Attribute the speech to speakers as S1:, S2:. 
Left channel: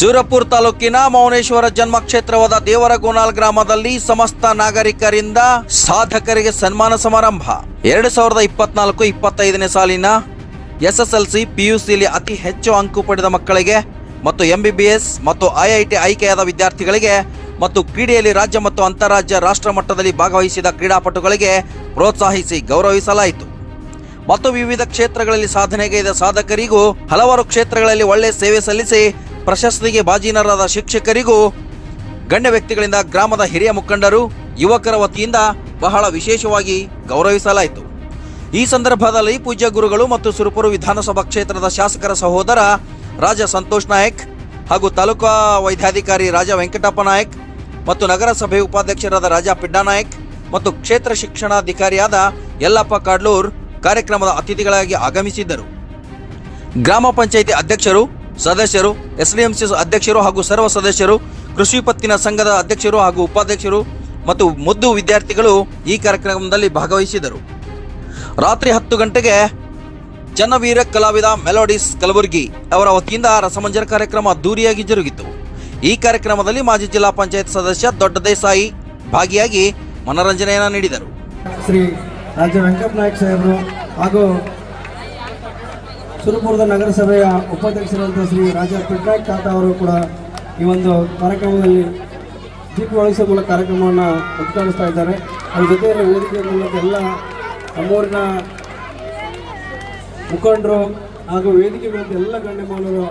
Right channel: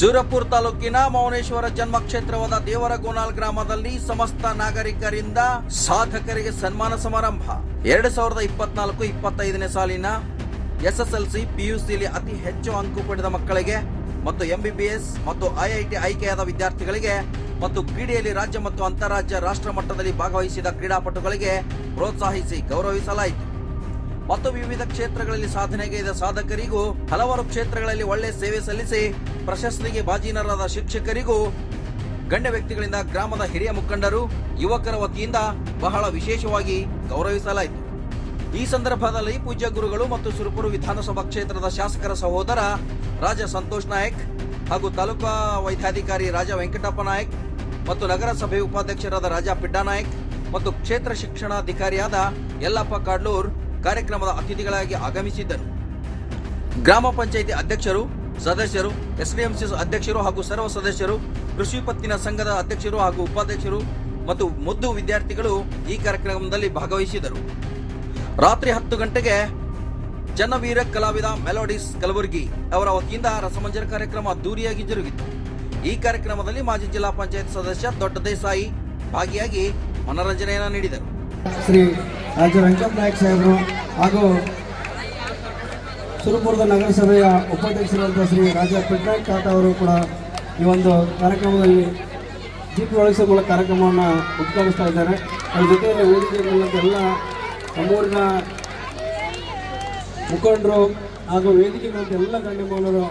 S1: ಸೂರಪುರ ತಾಲೂಕಿನ ಮೌನೇಶ್ವರ ಜನ್ಮ ಕ್ಷೇತ್ರವಾದ ದೇವರಗೋನಾಲ್ ಗ್ರಾಮದಲ್ಲಿ ಸಮಸ್ತ ನಾಗರಿಕರಿಂದ ಸಾಧಕರಿಗೆ ಸನ್ಮಾನ ಸಮಾರಂಭ. ಎರಡು ಸಾವಿರದ ಇಪ್ಪತ್ನಾಲ್ಕು ಇಪ್ಪತ್ತೈದನೇ ಸಾಲಿನ ಎಸ್ಎಸ್ಎಲ್ಸಿ ಪಿಯುಸಿಲಿ ಅತಿ ಹೆಚ್ಚು ಅಂಕು ಪಡೆದ ಮಕ್ಕಳಿಗೆ ಮತ್ತು ಎಂಬಿಬಿಎಸ್ ಮತ್ತು ಐಐಟಿ ಆಯ್ಕೆಯಾದ ವಿದ್ಯಾರ್ಥಿಗಳಿಗೆ ಮತ್ತು ಕ್ರೀಡೆಯಲ್ಲಿ ರಾಜ್ಯ ಮತ್ತು ಅಂತಾರಾಜ್ಯ ರಾಷ್ಟ್ರ ಮಟ್ಟದಲ್ಲಿ ಭಾಗವಹಿಸಿದ ಕ್ರೀಡಾಪಟುಗಳಿಗೆ ಪ್ರೋತ್ಸಾಹಿಸಿ ಗೌರವಿಸಲಾಯಿತು. ಮತ್ತು ವಿವಿಧ ಕ್ಷೇತ್ರಗಳಲ್ಲಿ ಸಾಧನೆಗೈದ ಸಾಧಕರಿಗೂ ಹಲವಾರು ಕ್ಷೇತ್ರಗಳಲ್ಲಿ ಒಳ್ಳೆ ಸೇವೆ ಸಲ್ಲಿಸಿ ಪ್ರಶಸ್ತಿಗೆ ಬಾಜೀನರಾದ ಶಿಕ್ಷಕರಿಗೂ ಗಣ್ಯ ವ್ಯಕ್ತಿಗಳಿಂದ ಗ್ರಾಮದ ಹಿರಿಯ ಮುಖಂಡರು, ಯುವಕರ ವತಿಯಿಂದ ಬಹಳ ವಿಶೇಷವಾಗಿ ಗೌರವಿಸಲಾಯಿತು. ಈ ಸಂದರ್ಭದಲ್ಲಿ ಪೂಜ್ಯ ಗುರುಗಳು ಮತ್ತು ಸುರಪುರು ವಿಧಾನಸಭಾ ಕ್ಷೇತ್ರದ ಶಾಸಕರ ಸಹೋದರ ರಾಜ ಸಂತೋಷ್ ನಾಯಕ್ ಹಾಗೂ ತಾಲೂಕಾ ವೈದ್ಯಾಧಿಕಾರಿ ರಾಜ ವೆಂಕಟಪ್ಪ ನಾಯಕ್ ಮತ್ತು ನಗರಸಭೆ ಉಪಾಧ್ಯಕ್ಷರಾದ ರಾಜಾ ಪಿಡ್ಡಾ ನಾಯಕ್ ಮತ್ತು ಕ್ಷೇತ್ರ ಶಿಕ್ಷಣಾಧಿಕಾರಿಯಾದ ಯಲ್ಲಪ್ಪ ಕಾಡ್ಲೂರ್ ಕಾರ್ಯಕ್ರಮದ ಅತಿಥಿಗಳಾಗಿ ಆಗಮಿಸಿದ್ದರು. ಗ್ರಾಮ ಪಂಚಾಯಿತಿ ಅಧ್ಯಕ್ಷರು ಸದಸ್ಯರು, ಎಸ್ಡಿಎಂಸಿ ಅಧ್ಯಕ್ಷರು ಹಾಗೂ ಸರ್ವ ಸದಸ್ಯರು, ಕೃಷಿ ಪತ್ತಿನ ಸಂಘದ ಅಧ್ಯಕ್ಷರು ಹಾಗೂ ಉಪಾಧ್ಯಕ್ಷರು ಮತ್ತು ಮುದ್ದು ವಿದ್ಯಾರ್ಥಿಗಳು ಈ ಕಾರ್ಯಕ್ರಮದಲ್ಲಿ ಭಾಗವಹಿಸಿದರು. ರಾತ್ರಿ ಹತ್ತು ಗಂಟೆಗೆ ಜನವೀರ ಕಲಾವಿದ ಮೆಲೋಡಿಸ್ ಕಲಬುರ್ಗಿ ಅವರ ವತಿಯಿಂದ ರಸಮಂಜರ ಕಾರ್ಯಕ್ರಮ ಅದ್ದೂರಿಯಾಗಿ ಜರುಗಿತು. ಈ ಕಾರ್ಯಕ್ರಮದಲ್ಲಿ ಮಾಜಿ ಜಿಲ್ಲಾ ಪಂಚಾಯತ್ ಸದಸ್ಯ ದೊಡ್ಡ ದೇಸಾಯಿ ಭಾಗಿಯಾಗಿ ಮನರಂಜನೆಯನ್ನು ನೀಡಿದರು.
S2: ಶ್ರೀ ರಾಜ ವೆಂಕಟನಾಯಕ್ ಸಾಹೇಬರು ಹಾಗೂ ಸುರಪುರದ ನಗರಸಭೆಯ ಉಪಾಧ್ಯಕ್ಷರಂತ ಶ್ರೀ ರಾಜ ಪಟ್ನಾಯಕ್ ತಾತ ಅವರು ಕೂಡ ಈ ಒಂದು ಕಾರ್ಯಕ್ರಮದಲ್ಲಿ ದೀಪ ಒಳಗಿಸುವ ಮೂಲಕ ಕಾರ್ಯಕ್ರಮವನ್ನು ಉದ್ಘಾಟಿಸ್ತಾ ಇದ್ದಾರೆ. ಅದ್ರ ಜೊತೆಯಲ್ಲಿ ವೇದಿಕೆ ಮೂಲಕ ಎಲ್ಲ ನಮ್ಮೂರಿನ ಮುಖಂಡರು ಹಾಗೂ ವೇದಿಕೆ ಮೂಲಕ ಎಲ್ಲ ಗಣ್ಯಮಾನರು